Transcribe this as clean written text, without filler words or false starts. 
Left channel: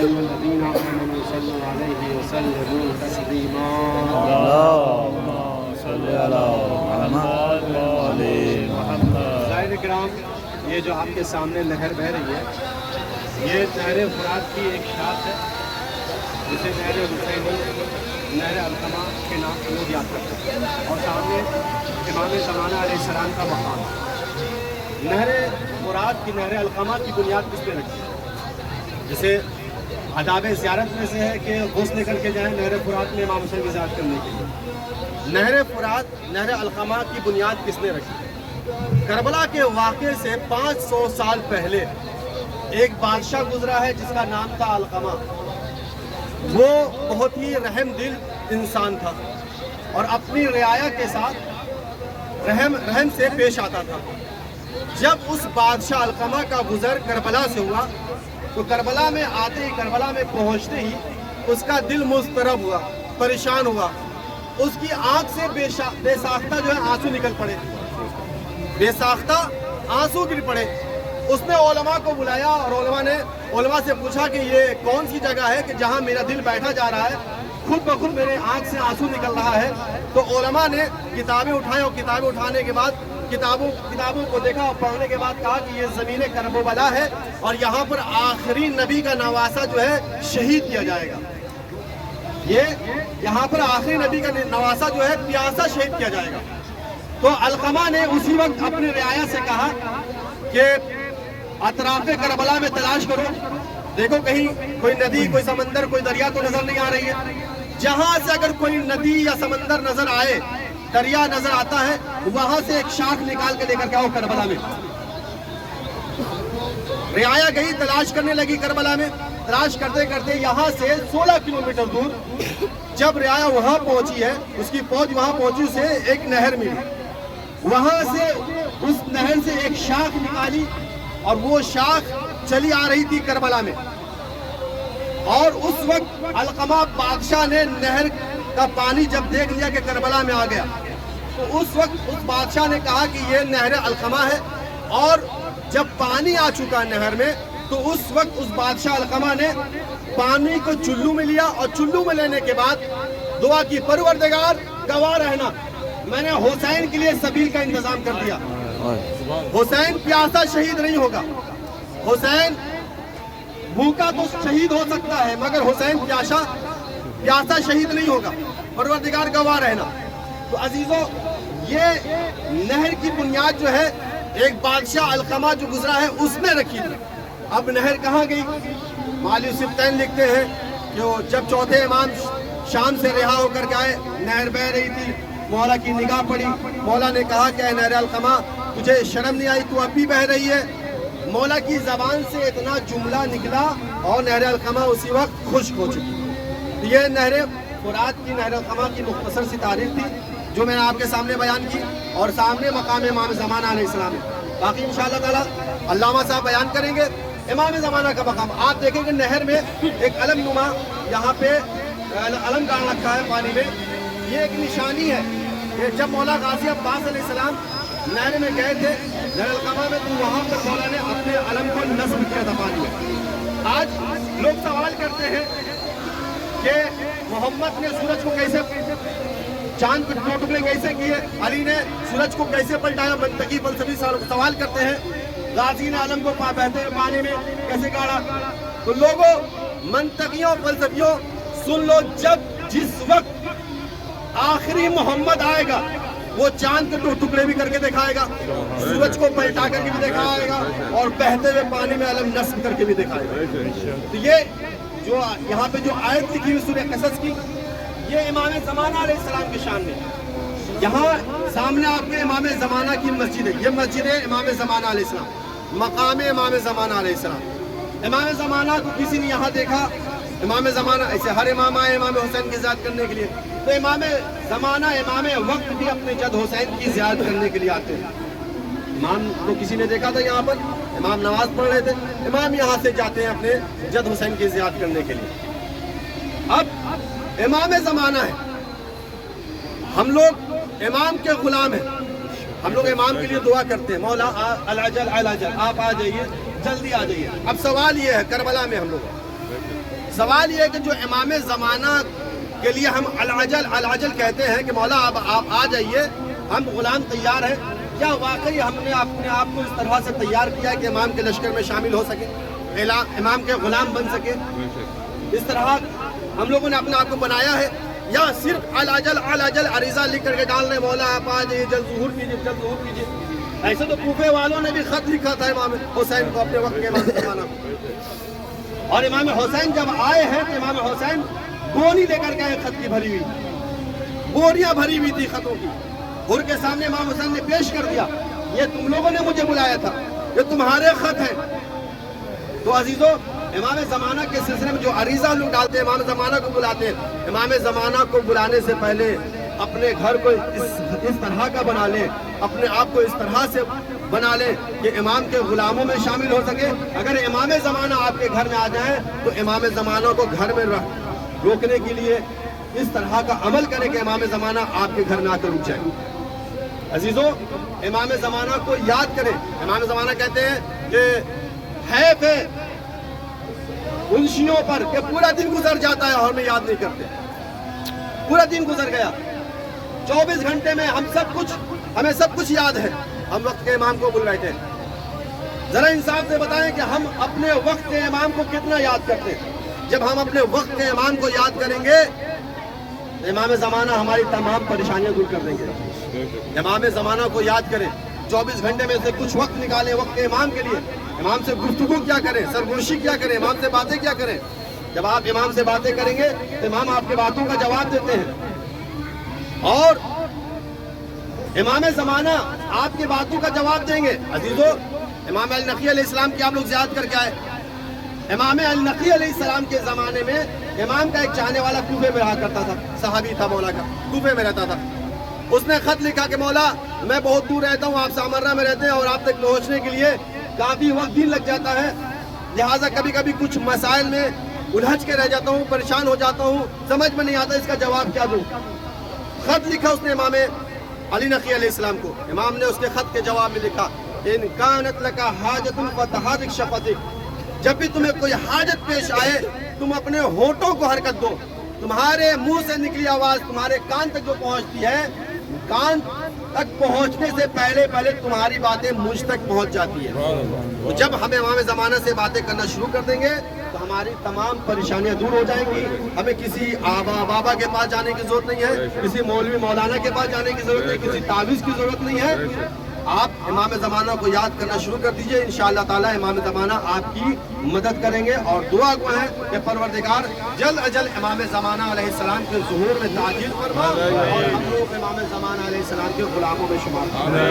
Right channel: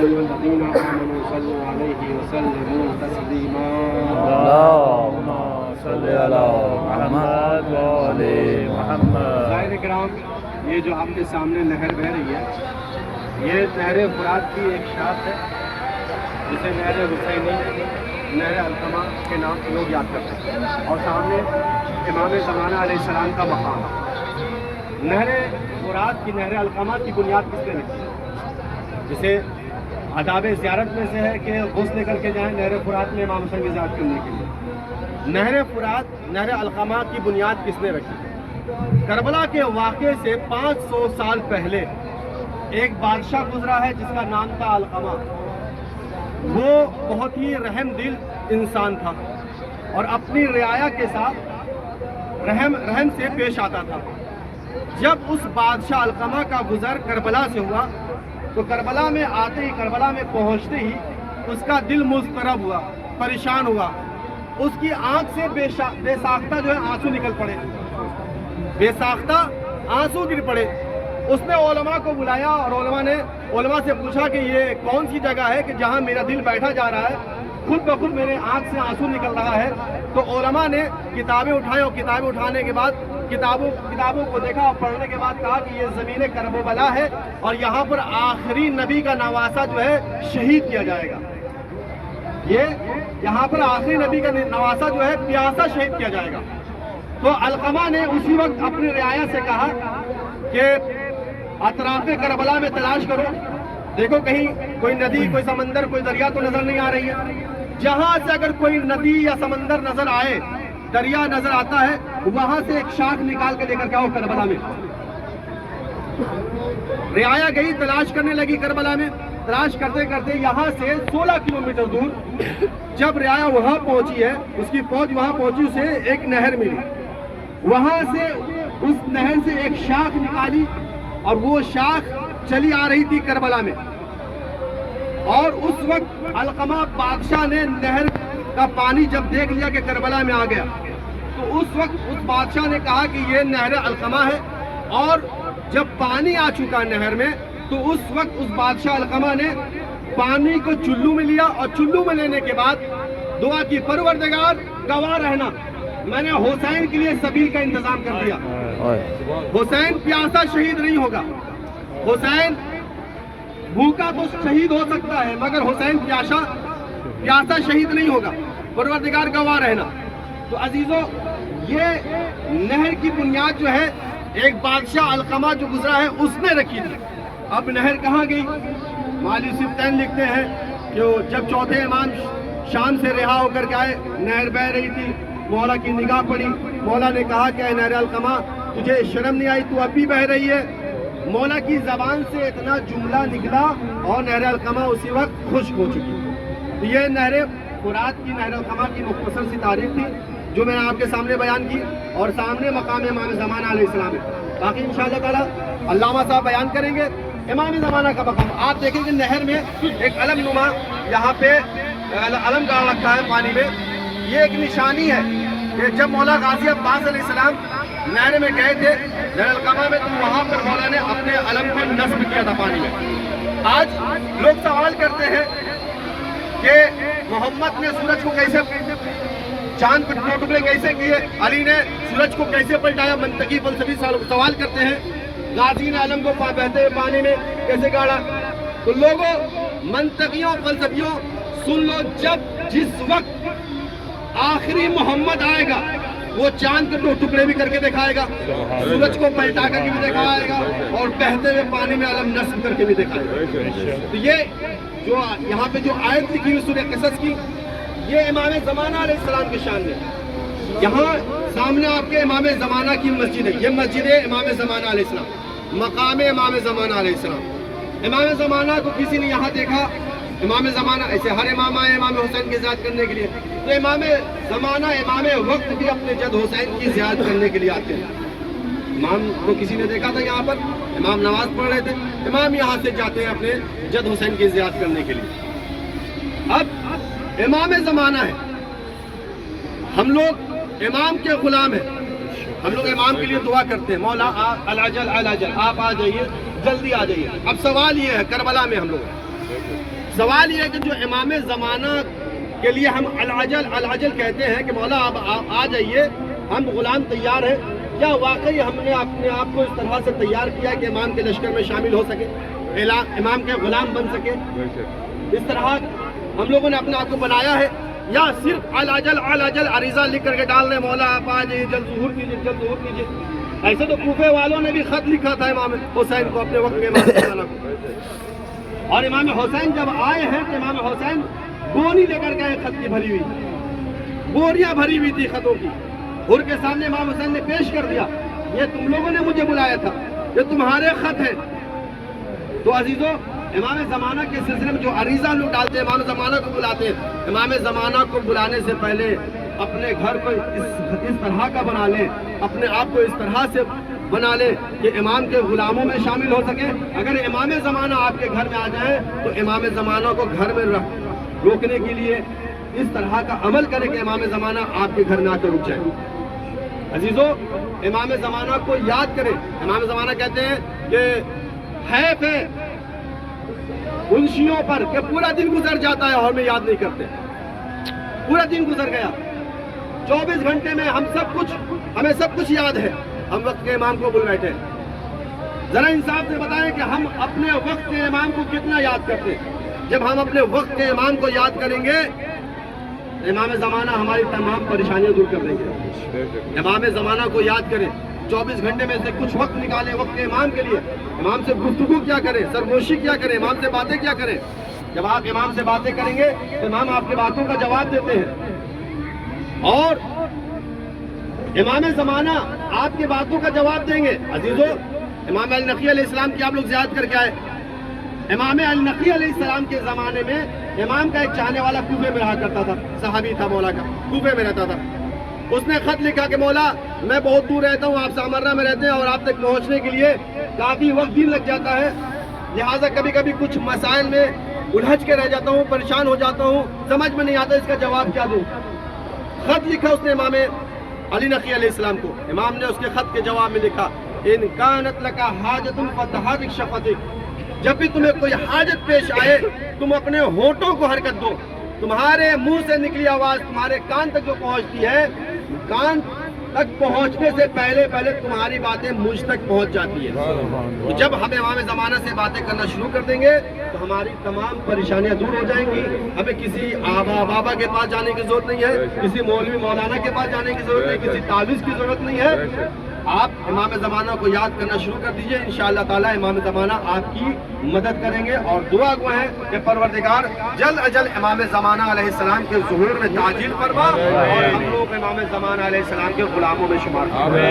أيها الذين آمنوا صلوا عليه وسلموا تسليما اللهم صل على محمد وآل محمد۔ سائر کرام، یہ جو آپ کے سامنے نہر بہہ رہی ہے، یہ نہر فرات کی ایک شاخ ہے جسے نہر حسینی، نہر علقمہ کے نام سے لوگ یاد کرتے ہیں، اور سامنے امام زمانہ علیہ السلام کا مقام ہے۔ نہر فرات کی، نہر علقمہ کی بنیاد کس نے رکھی؟ جسے آداب زیارت میں سے ہے کہ غسل کر کے جائیں نہر فرات میں امام حسین کی زیارت کرنے کے لیے۔ نہر فرات، نہر علقمہ کی بنیاد کس نے رکھی؟ کربلا کے واقعے سے 500 سال پہلے ایک بادشاہ گزرا ہے جس کا نام تھا علقمہ۔ وہ بہت ہی رحم دل انسان تھا اور اپنی رعایا کے ساتھ رحم سے پیش آتا تھا۔ جب اس بادشاہ علقمہ کا گزر کربلا سے ہوا تو کربلا میں آتے ہی، کربلا میں پہنچتے ہی اس کا دل مضطرب ہوا، پریشان ہوا۔ اس کی آنکھ سے بے ساختہ جو ہے آنسو نکل پڑے، بے ساختہ آنسو گر پڑے۔ اس نے علماء کو بلایا اور علماء سے پوچھا کہ یہ کون سی جگہ ہے کہ جہاں میرا دل بیٹھا جا رہا ہے، خود بخود میرے آنکھ سے آنسو نکل رہا ہے۔ تو علماء نے کتابیں اٹھائیں اور کتابیں اٹھانے کے بعد کتابوں کو دیکھا اور پڑھنے کے بعد کہا کہ یہ زمین کربلا ہے اور یہاں پر آخری نبی کا نواسہ جو ہے شہید کیا جائے گا۔ یہاں پر آخری نبی کا نواسہ جو ہے پیاسا شہید کیا جائے گا۔ تو علقمہ نے اسی وقت اپنی رعایا سے کہا کہ اطراف کربلا میں تلاش کرو، دیکھو کہیں کوئی ندی، کوئی سمندر، کوئی دریا تو نظر نہیں آ رہی ہے۔ جہاں سے اگر کوئی ندی یا سمندر نظر آئے، دریا نظر آتا ہے، وہاں سے ایک شاخ نکال کے لے کر کے آؤ کربلا میں۔ رعایا گئی، تلاش کرنے لگی کربلا میں، تلاش کرتے کرتے یہاں سے 16 کلومیٹر دور جب رعایا وہاں پہنچی ہے، اس کی فوج وہاں پہنچی، اسے ایک نہر ملی۔ وہاں سے اس نہر سے ایک شاخ نکالی اور وہ شاخ چلی آ رہی تھی کربلا میں۔ اور اس وقت علقمہ بادشاہ نے نہر کا پانی جب دیکھ لیا کہ کربلا میں آ گیا، تو اس وقت اس بادشاہ نے کہا کہ یہ نہر علقمہ ہے۔ اور جب پانی آ چکا نہر میں تو اس وقت اس بادشاہ علقمہ نے پانی کو چلو میں لیا اور چلو میں لینے کے بعد دعا کی، پروردگار گواہ رہنا، میں نے حسین کے لیے سبیل کا انتظام کر دیا۔ حسین پیاسا شہید نہیں ہوگا، حسین بھوکا تو شہید ہو سکتا ہے مگر حسین پیاسا شہید نہیں ہوگا، پروردگار گواہ رہنا۔ تو عزیزوں، یہ نہر کی بنیاد جو ہے ایک بادشاہ علقمہ جو گزرا ہے اس نے رکھی تھی۔ اب نہر کہاں گئی؟ مالی سبتین لکھتے ہیں کہ جب چوتھے امام شام سے رہا ہو کر کے آئے، نہر بہہ رہی تھی، مولا کی نگاہ پڑی، مولا نے کہا کہ اے نہر علقمہ، تجھے شرم نہیں آئی؟ تو اب بھی بہہ رہی ہے۔ مولا کی زبان سے اتنا جملہ نکلا اور نہر علقمہ اسی وقت خشک ہو چکی۔ یہ نہر فرات کی، نہر علقمہ کی مختصر سی تاریخ تھی جو میں نے آپ کے سامنے بیان کی، اور سامنے مقام امام زمانہ علیہ السلام ہے۔ باقی انشاءاللہ تعالی علامہ صاحب بیان کریں گے امام زمانہ کا مقام۔ آپ دیکھیں کہ نہر میں ایک علم نما یہاں پہ علم گاڑ رکھا ہے پانی میں۔ یہ ایک نشانی ہے کہ جب مولا غازی عباس علیہ السلام نہر میں گئے تھے، نہر علقمہ میں، تو وہاں پر مولا نے اپنے علم کو نصب کیا تھا پانی میں۔ آج لوگ سوال کرتے ہیں کہ محمد نے سورج کو کیسے، چاند کو ٹکڑے کیسے کیے، علی نے سورج کو کیسے پلٹایا، منطقی فلسفی سوال کرتے ہیں۔ غازی نے علم کو بہتے ہوئے پانی میں کیسے گاڑا؟ تو لوگوں، منطقیوں، فلسفیوں، سن لو، جس وقت آخری محمد آئے گا وہ چاند کے ٹکڑے بھی کر کے دکھائے گا، سورج کو پلٹا کر کے بھی دکھائے گا، اور بہتے ہوئے پانی میں علم نصب کر کے بھی دکھائے گا۔ تو یہ جو یہاں پہ جو آیت لکھی ہوئی سورہ قصص کی، یہ امام زمانہ علیہ السلام کی شان ہے۔ یہاں سامنے آپ کے امام زمانہ کی مسجد ہے، یہ مسجد ہے امام زمانہ علیہ السلام، مقام امام زمانہ علیہ السلام۔ امام زمانہ کو کسی نے یہاں دیکھا؟ امام زمانہ، ایسے ہر امام آئے امام حسین کی زیارت کرنے کے لیے، تو امام زمانہ، امام وقت بھی اپنے جد حسین کی زیارت کرنے کے لیے آتے ہیں۔ امام کو کسی نے دیکھا تھا یہاں پر، امام نماز پڑھ رہے تھے، امام یہاں سے جاتے ہیں اپنے جد حسین کی زیارت کرنے کے لیے۔ اب امام زمانہ ہے، ہم لوگ امام کے غلام ہیں، ہم لوگ امام کے لیے دعا کرتے ہیں، مولا العجل العجل، آپ آ جائیے، جلدی آ جائیے۔ اب سوال یہ ہے، کربلا میں ہم لوگ سوال یہ ہے کہ جو امام زمانہ کے لیے ہم العجل کہتے ہیں کہ مولا اب آپ آ جائیے، ہم غلام تیار ہیں، کیا واقعی ہم نے اپنے آپ کو اس طرح سے تیار کیا کہ امام کے لشکر میں شامل ہو سکے، امام کے غلام بن سکے؟ اس طرح ہم لوگوں نے اپنے آپ کو بنایا ہے، یا صرف العجل عریضہ لکھ کر کے ڈال رہے مولا آپ آ جائیے، جلد ظہور کیجیے؟ ایسے تو کوفے والوں نے بھی خط لکھا تھا امام حسین کو، اپنے وقت کے امام زمانہ کو، اور امام حسین جب آئے ہیں تو امام حسین بونی لے کر گئے خط کی بھری ہوئی، بوریاں بھری ہوئی تھی خطوں کی، حر کے سامنے امام حسین نے پیش کر دیا، یہ تم لوگوں نے مجھے بلایا تھا، یہ تمہارے خط ہیں۔ تو عزیزوں، امام زمانہ کے سلسلے میں جو عریضہ لوگ ڈالتے ہیں، امام زمانہ کو بلاتے ہیں، امام زمانہ کو بلانے سے پہلے اپنے گھر کو اس طرح کا بنا لیں، اپنے آپ کو اس طرح سے بنا لیں کہ امام کے غلاموں میں شامل ہو سکے۔ اگر امام زمانہ آپ کے گھر میں آ جائیں تو امام زمانہ کو گھر میں روکنے کے لیے اس طرح کا عمل کریں کہ امام زمانہ آپ کے گھر میں آ کر رک جائیں۔ عزیزوں، امام زمانہ کو یاد کریں۔ امام زمانہ کہتے ہیں کہ حیف ہے ان شیعوں پر کہ پورا دن گزر جاتا ہے اور ہمیں یاد نہیں کرتے، پورا دن گزر گیا، 24 گھنٹے میں ہمیں سب کچھ یاد ہے، ہم وقت کے امام کو بھول بیٹھے۔ ذرا انصاف سے بتائیں کہ ہم اپنے وقت کے امام کو کتنا یاد کرتے ہیں؟ جب ہم اپنے وقت کے امام کو یاد کریں گے، امام زمانہ ہماری تمام پریشانیاں دور کر دیں گے۔ امام زمانہ کو یاد کریں، 24 گھنٹے میں سے کچھ وقت نکالیں وقت کے امام کے لیے، امام سے گفتگو کیا کریں، سرگوشی کیا کریں، امام سے باتیں کیا کریں۔ جب آپ امام سے باتیں کریں گے تو امام آپ کی باتوں کا جواب دیتے ہیں، اور امام زمانہ آپ کی باتوں کا جواب دیں گے۔ عزیزو، امام النقی علیہ السلام کی آپ لوگ زیارت کر کے آئے۔ امام النقی علیہ السلام کے زمانے میں امام کا ایک چاہنے والا کوفے میں رہا کرتا تھا، صحابی تھا مولا کا، کوفے میں رہتا تھا۔ اس نے خط لکھا کہ مولا میں بہت دور رہتا ہوں، آپ سامرہ میں رہتے ہیں، اور آپ تک پہنچنے کے لیے کافی وقت دن لگ جاتا ہے، لہٰذا کبھی کبھی کچھ مسائل میں الجھ کے رہ جاتا ہوں، پریشان ہو جاتا ہوں، سمجھ میں نہیں آتا اس کا جواب کیا دوں۔ خط لکھا اس نے امام علی نقی علیہ السلام کو۔ امام نے اس کے خط کے جواب میں لکھا، ان کانت لک حاجت فتحرک شفتک، جب بھی تمہیں کوئی حاجت پیش آئے تم اپنے ہونٹوں کو حرکت دو، تمہارے منہ سے نکلی آواز تمہارے کان تک جو پہنچتی ہے، کان تک پہنچنے سے پہلے تمہاری باتیں مجھ تک پہنچ جاتی ہے۔ تو جب ہم امام زمانہ سے باتیں کرنا شروع کر دیں گے تو ہماری تمام پریشانیاں دور ہو جائیں گی، ہمیں کسی آبا بابا کے پاس جانے کی ضرورت نہیں ہے، کسی مولوی مولانا کے پاس جانے کی ضرورت نہیں، کسی تعویذ کی ضرورت نہیں ہے۔ آپ امام زمانہ کو یاد کرنا شروع کر دیجئے، انشاءاللہ تعالی امام زمانہ آپ کی مدد کریں گے، اور دعا گو ہے کہ پروردگار جلد اجل امام زمانہ علیہ السلام کے ظہور میں تعجیل فرما، اور ہم لوگ امام زمانہ علیہ السلام کے غلاموں میں شمار کریں۔